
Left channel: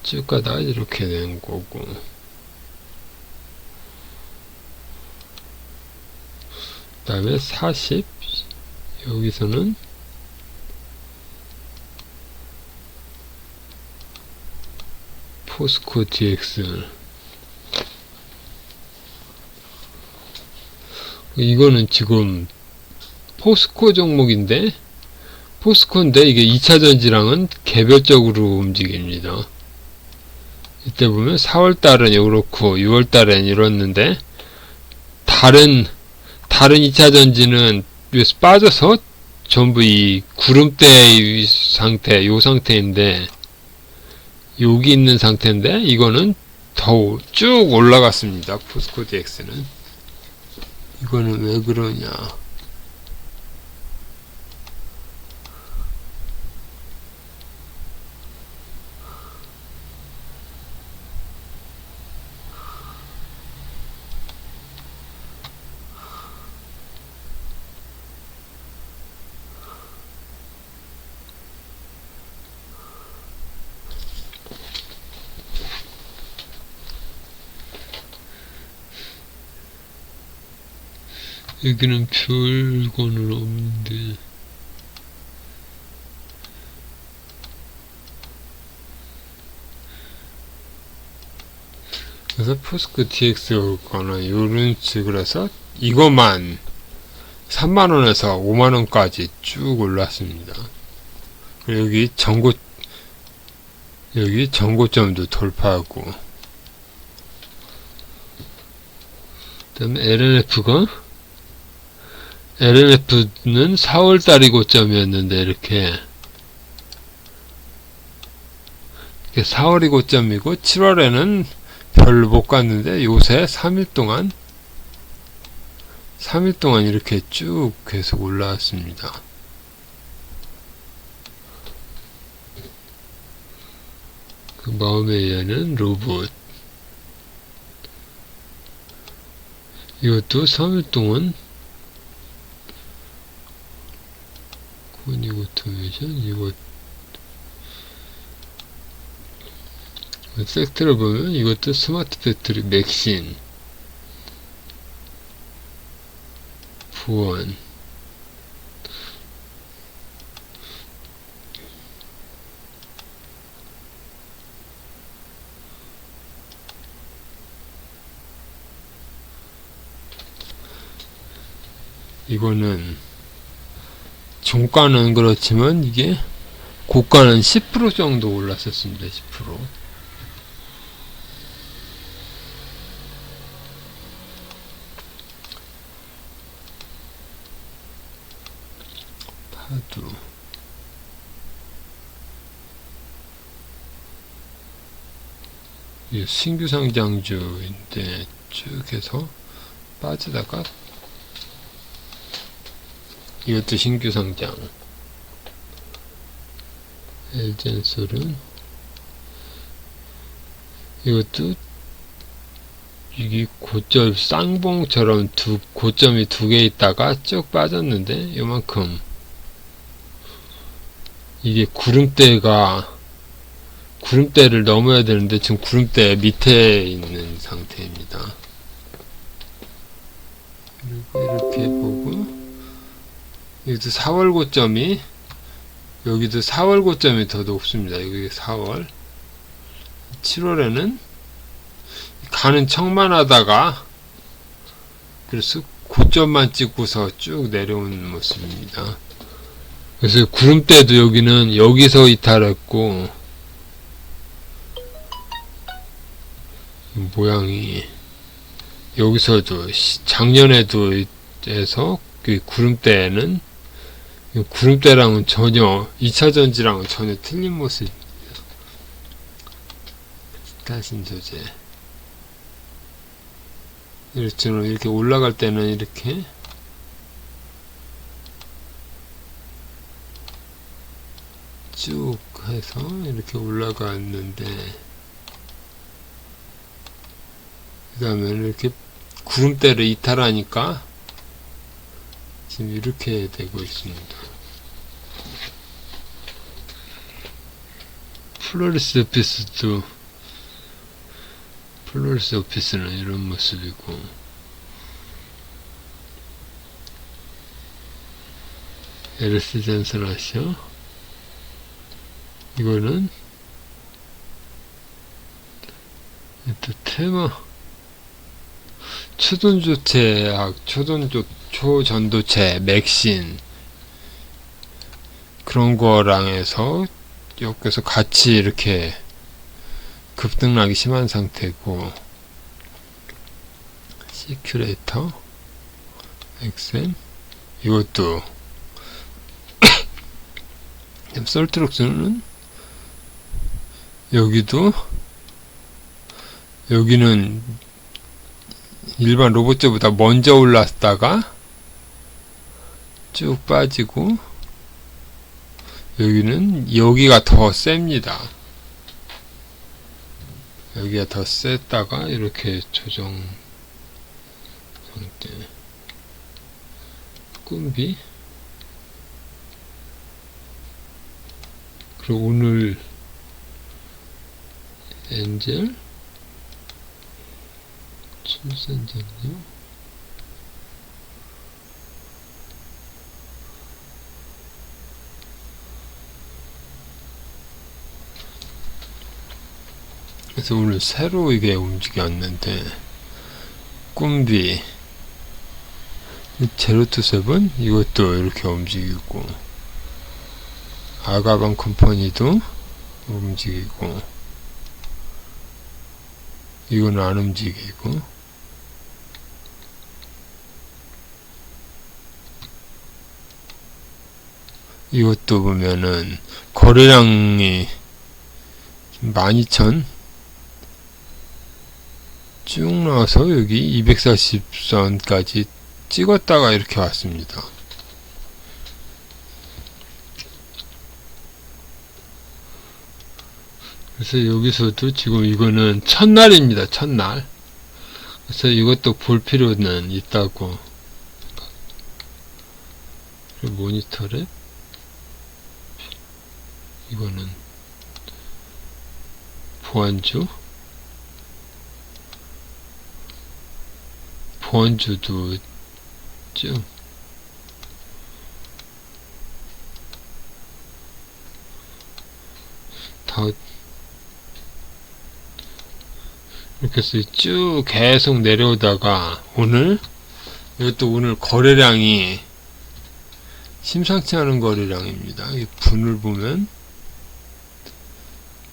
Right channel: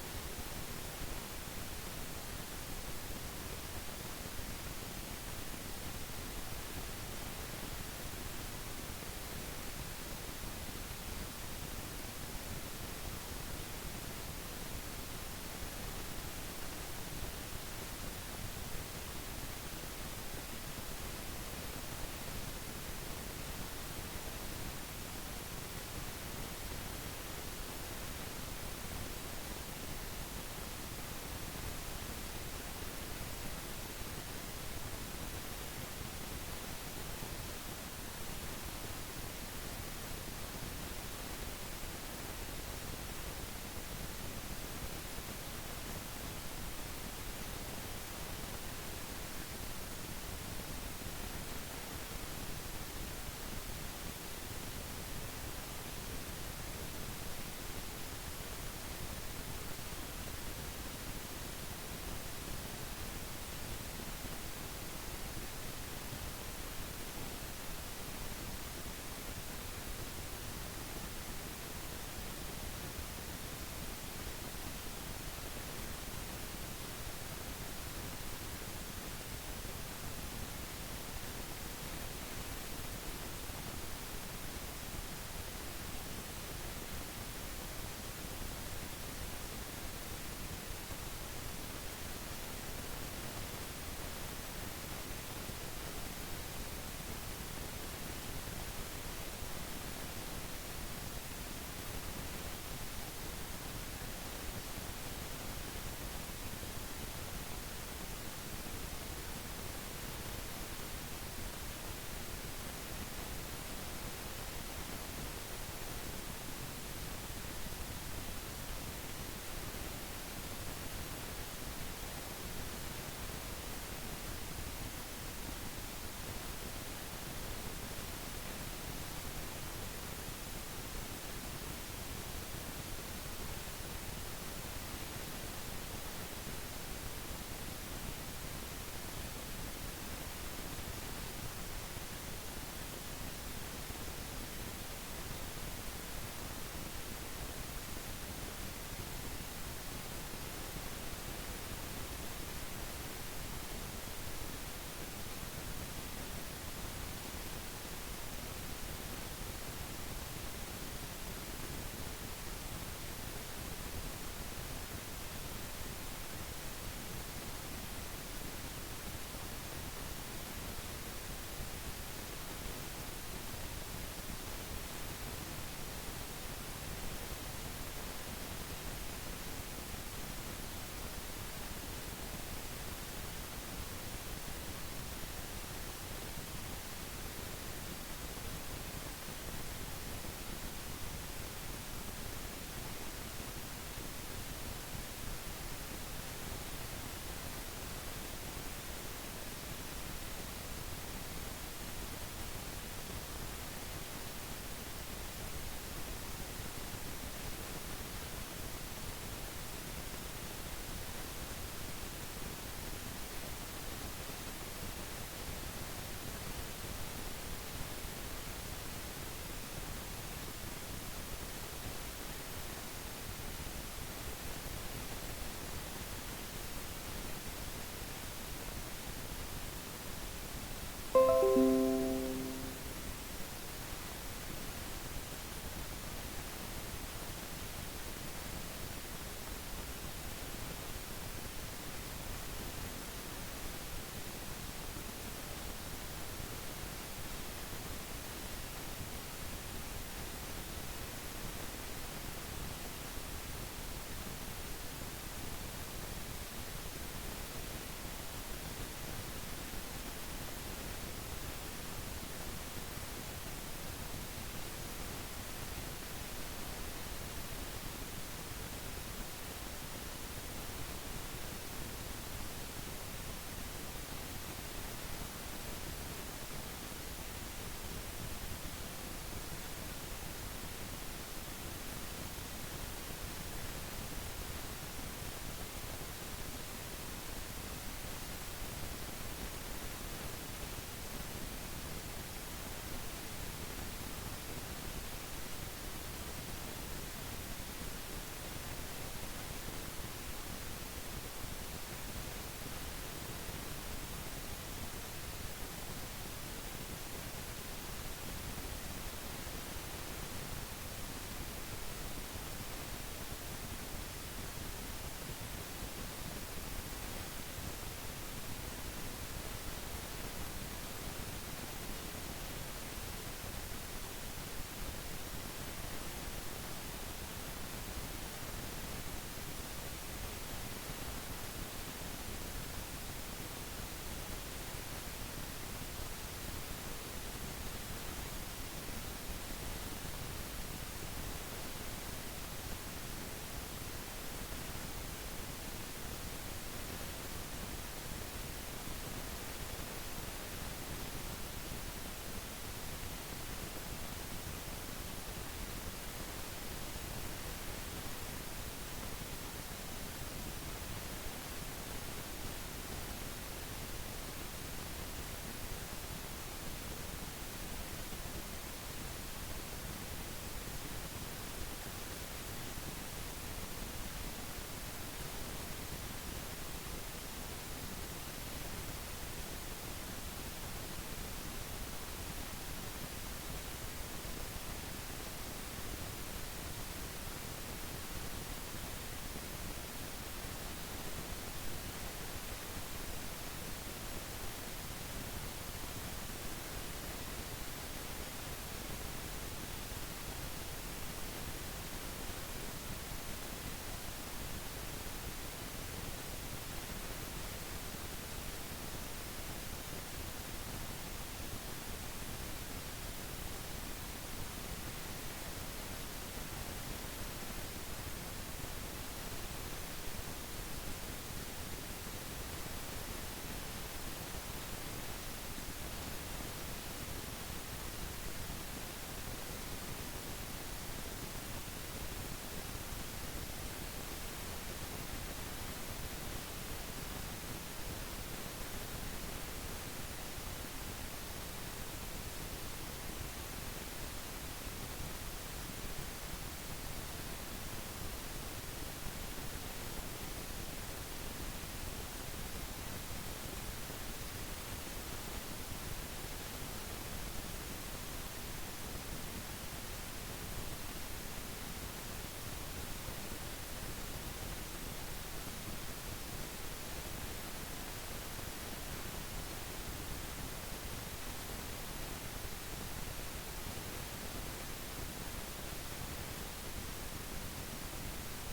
쭉 가다가 이렇게 된 거고, 그 다음에 40, 여기서는 포스코 DX, 이거는 지금 포스코 종목인데, 포스코인데 이게 2차전지랑은 개별적으로 움직입니다. 이때 보면 4월달은 이렇고 6월달엔 이렇는데, 다른 2차전지는 여기서 빠져서 전부 이 구름대 상태, 요 상태인데, 여기 있는 상태인데, 이거는 더 쭉 올라갔습니다. 포스코 DX는. 이거는 왜 그러냐. 여기는 별거는 없는데, 그래서 포스코 DX거나 이런 식으로 해서 이것만 3만원에서 5만원까지 쭉 올랐습니다. 그리고 여기 전고점도 돌파하고, 다음에 LNF는 4월달이 고점이었는데 이렇게 4월이 고점이고 7월에는 별로 못 갔는데 요새 3일 동안 이렇게 쭉 계속 올라왔습니다. 그 마음에 의하는 로봇, 이것도 3일 동안 코니 오토메이션, 이것 섹터를 보면 이것도 스마트 배터리, 맥신, 부원, 이거는 종가는 그렇지만 이게 고가는 10% 정도 올랐었습니다. 10%. 파도. 이 신규 상장주인데 쭉 해서 빠지다가 이것도 신규 상장. 엘젠솔은 이것도 이게 고점 쌍봉처럼 고점이 두 개 있다가 쭉 빠졌는데 요만큼 이게 구름대를 넘어야 되는데 지금 구름대 밑에 있는 상태입니다. 이렇게 보고 여기도 4월 고점이 여기도 4월 고점이 더 높습니다. 여기 4월 7월에는 가는 척만 하다가 그래서 고점만 찍고서 쭉 내려오는 모습입니다. 그래서 구름대도 여기는 여기서 이탈했고 모양이 여기서도 작년에도 해서 그 구름대랑은 전혀 2차전지랑은 전혀 틀린 모습. 스타신 소재 이렇게 올라갈 때는 이렇게 쭉 해서 이렇게 올라갔는데 그 다음에 이렇게 구름대를 이탈하니까 지금 이렇게 되고 있습니다. 플로리스 오피스는 이런 모습이고 LC 전선하셔 이거는 또 테마 초전도체 맥신 그런 거랑 해서 여기서 같이 이렇게 급등락이 심한 상태고 시큐레이터 엑센 이것도 솔트록스는 여기는 일반 로봇제보다 먼저 올랐다가 쭉 빠지고 여기가 더 셉니다. 여기가 더 셌다가 이렇게 조정 상태. 꿈비 그리고 오늘 엔젤 출산전요 그래서 오늘 새로 이게 움직였는데 꿈비 제로투세븐 이것도 이렇게 움직이고 아가방 컴퍼니도 움직이고 이건 안 움직이고 이것도 보면은 거래량이 12,000 쭉 나와서 여기 240선까지 찍었다가 이렇게 왔습니다. 그래서 여기서도 지금 이거는 첫날입니다. 첫날. 그래서 이것도 볼 필요는 있다고. 모니터를 이거는 보안주도 좀 다 이렇게 해서 쭉 계속 내려오다가 이것도 오늘 거래량이 심상치 않은 거래량입니다. 이 분을 보면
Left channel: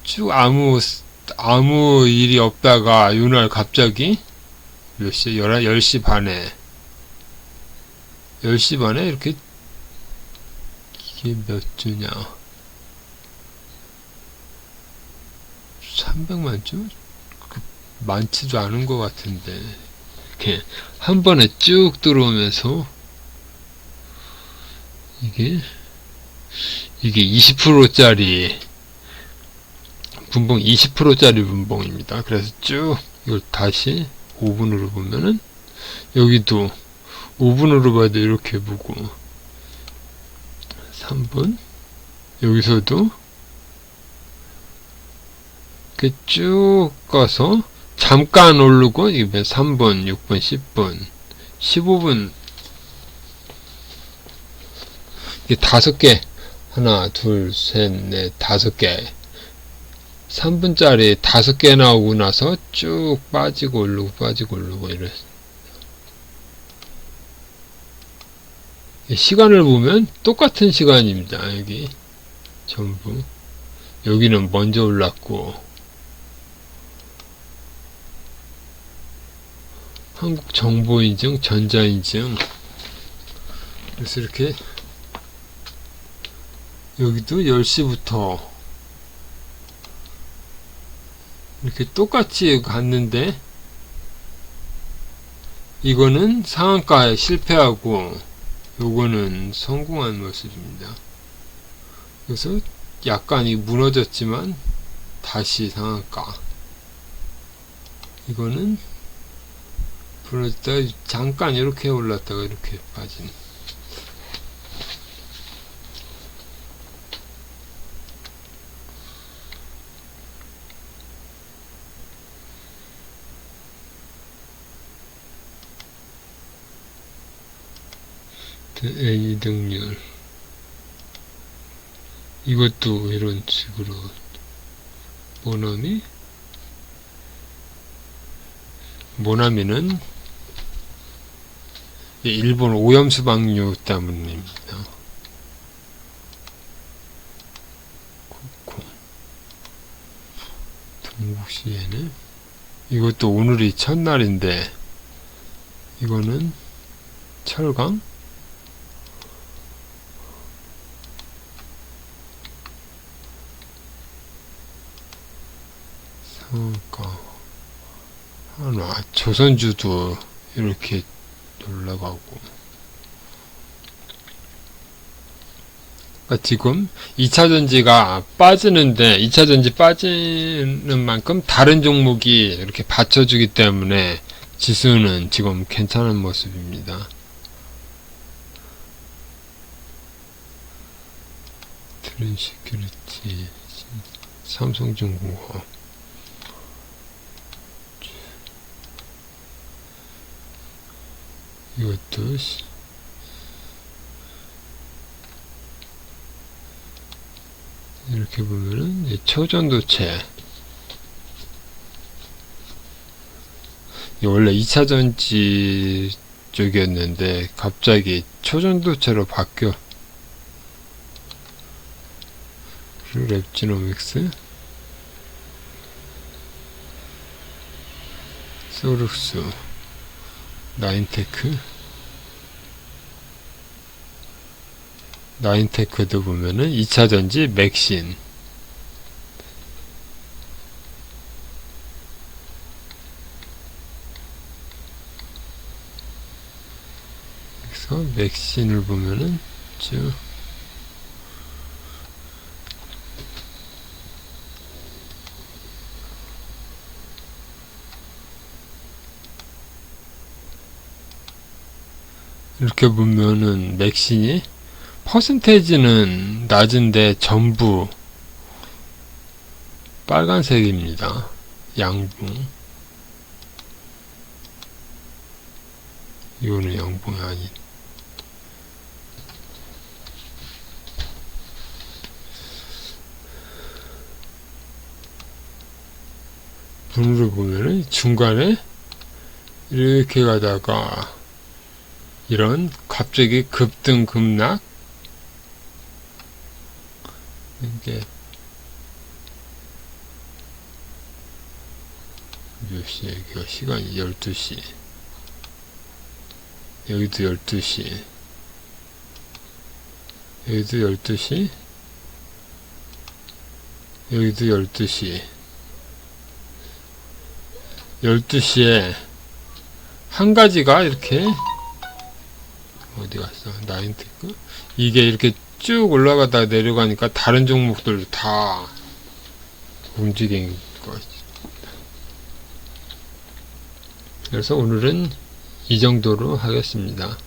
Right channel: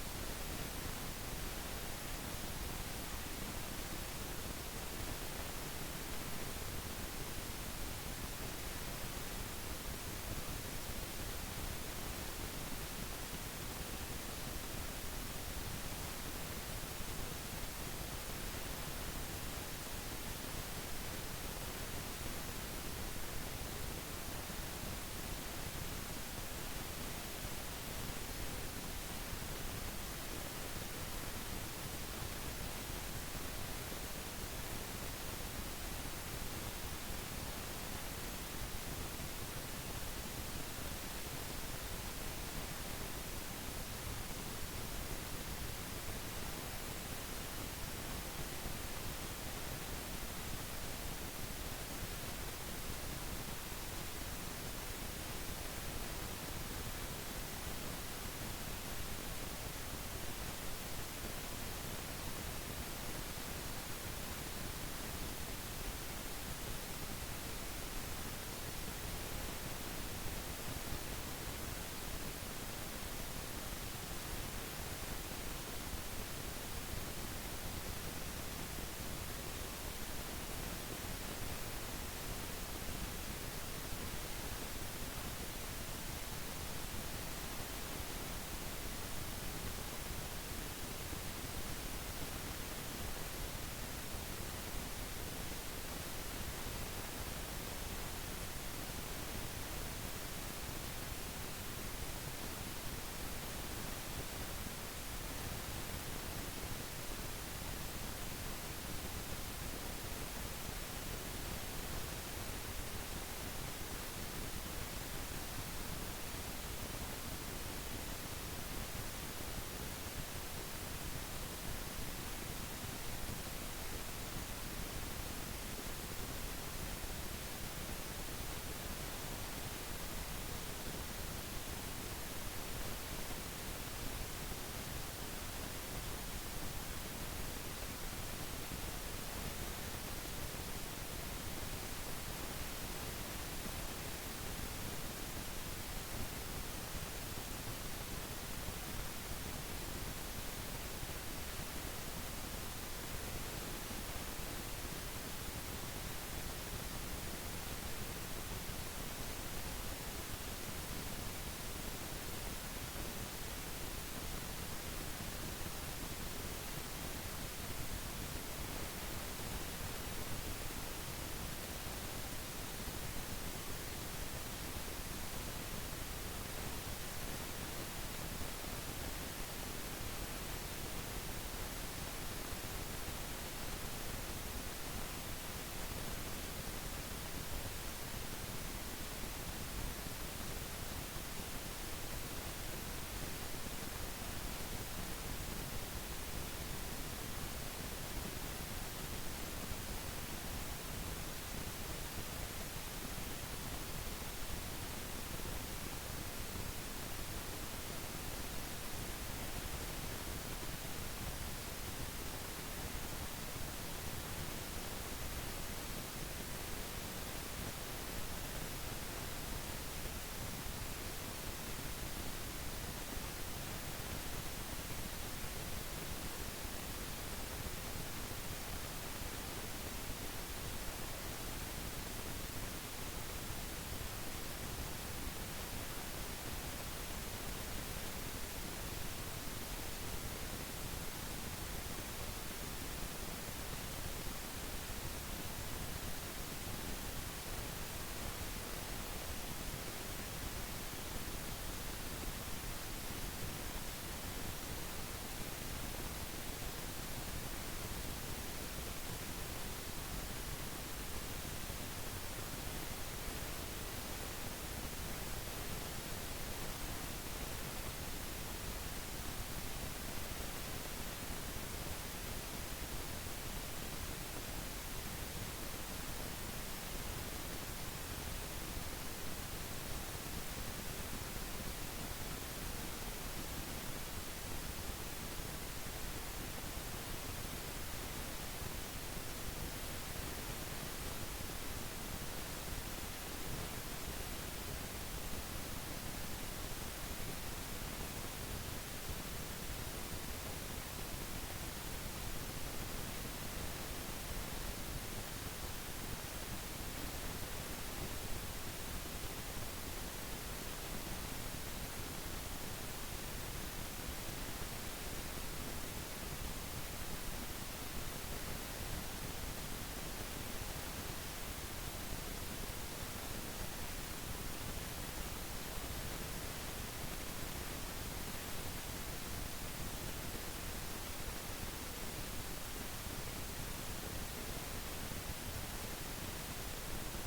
쭉 아무 일이 없다가 이날 갑자기 몇 시? 10시 반에 10시 반에 이렇게 이게 몇 주냐 300만 주? 많지도 않은 것 같은데 이렇게 한 번에 쭉 들어오면서 이게 20%짜리 분봉 20%짜리 분봉입니다. 그래서 쭉 이걸 다시 5분으로 보면은 여기도 5분으로 봐도 이렇게 보고 3분 여기서도 이렇게 쭉 가서 잠깐 오르고 이게 3분, 6분, 10분, 15분 이게 5개 하나, 둘, 셋, 넷, 5개 3분짜리 5개 나오고 나서 쭉 빠지고 오르고 이래. 시간을 보면 똑같은 시간입니다. 여기 전부 여기는 먼저 올랐고 한국정보인증, 전자인증 그래서 이렇게 여기도 10시부터 이렇게 똑같이 갔는데 이거는 상한가에 실패하고 요거는 성공한 모습입니다. 그래서 약간 무너졌지만 다시 상한가 이거는 부러졌다가 잠깐 이렇게 올랐다가 이렇게 빠진 N 등률 이것도 이런 식으로 모나미는 일본 오염수방류 때문입니다. 동국시에는 이것도 오늘이 첫날인데 이거는 철강 상가 하나 조선주도 이렇게 올라가고 지금 2차전지가 빠지는데 2차전지 빠지는 만큼 다른 종목이 이렇게 받쳐주기 때문에 지수는 지금 괜찮은 모습입니다. 트렌시큐리티 삼성중공업 이것도 이렇게 보면은 초전도체 원래 2차전지 쪽이었는데 갑자기 초전도체로 바뀌어 랩지노믹스 소룩스 나인테크 나인테크도 보면은 2차전지 맥신. 그래서 맥신을 보면은 쭉 이렇게 보면은 맥신이 퍼센테이지는 낮은데 전부 빨간색입니다. 양봉. 이거는 양봉이 아니. 분으로 보면은 중간에 이렇게 가다가 이런 갑자기 급등 급락 이게 몇 시에 여기가 시간이 12시 여기도 12시 여기도 12시 여기도 12시 12시에 한 가지가 이렇게 어디 갔어? 나인테크? 이게 이렇게 쭉 올라가다 내려가니까 다른 종목들도 다 움직인 거지. 그래서 오늘은 이 정도로 하겠습니다.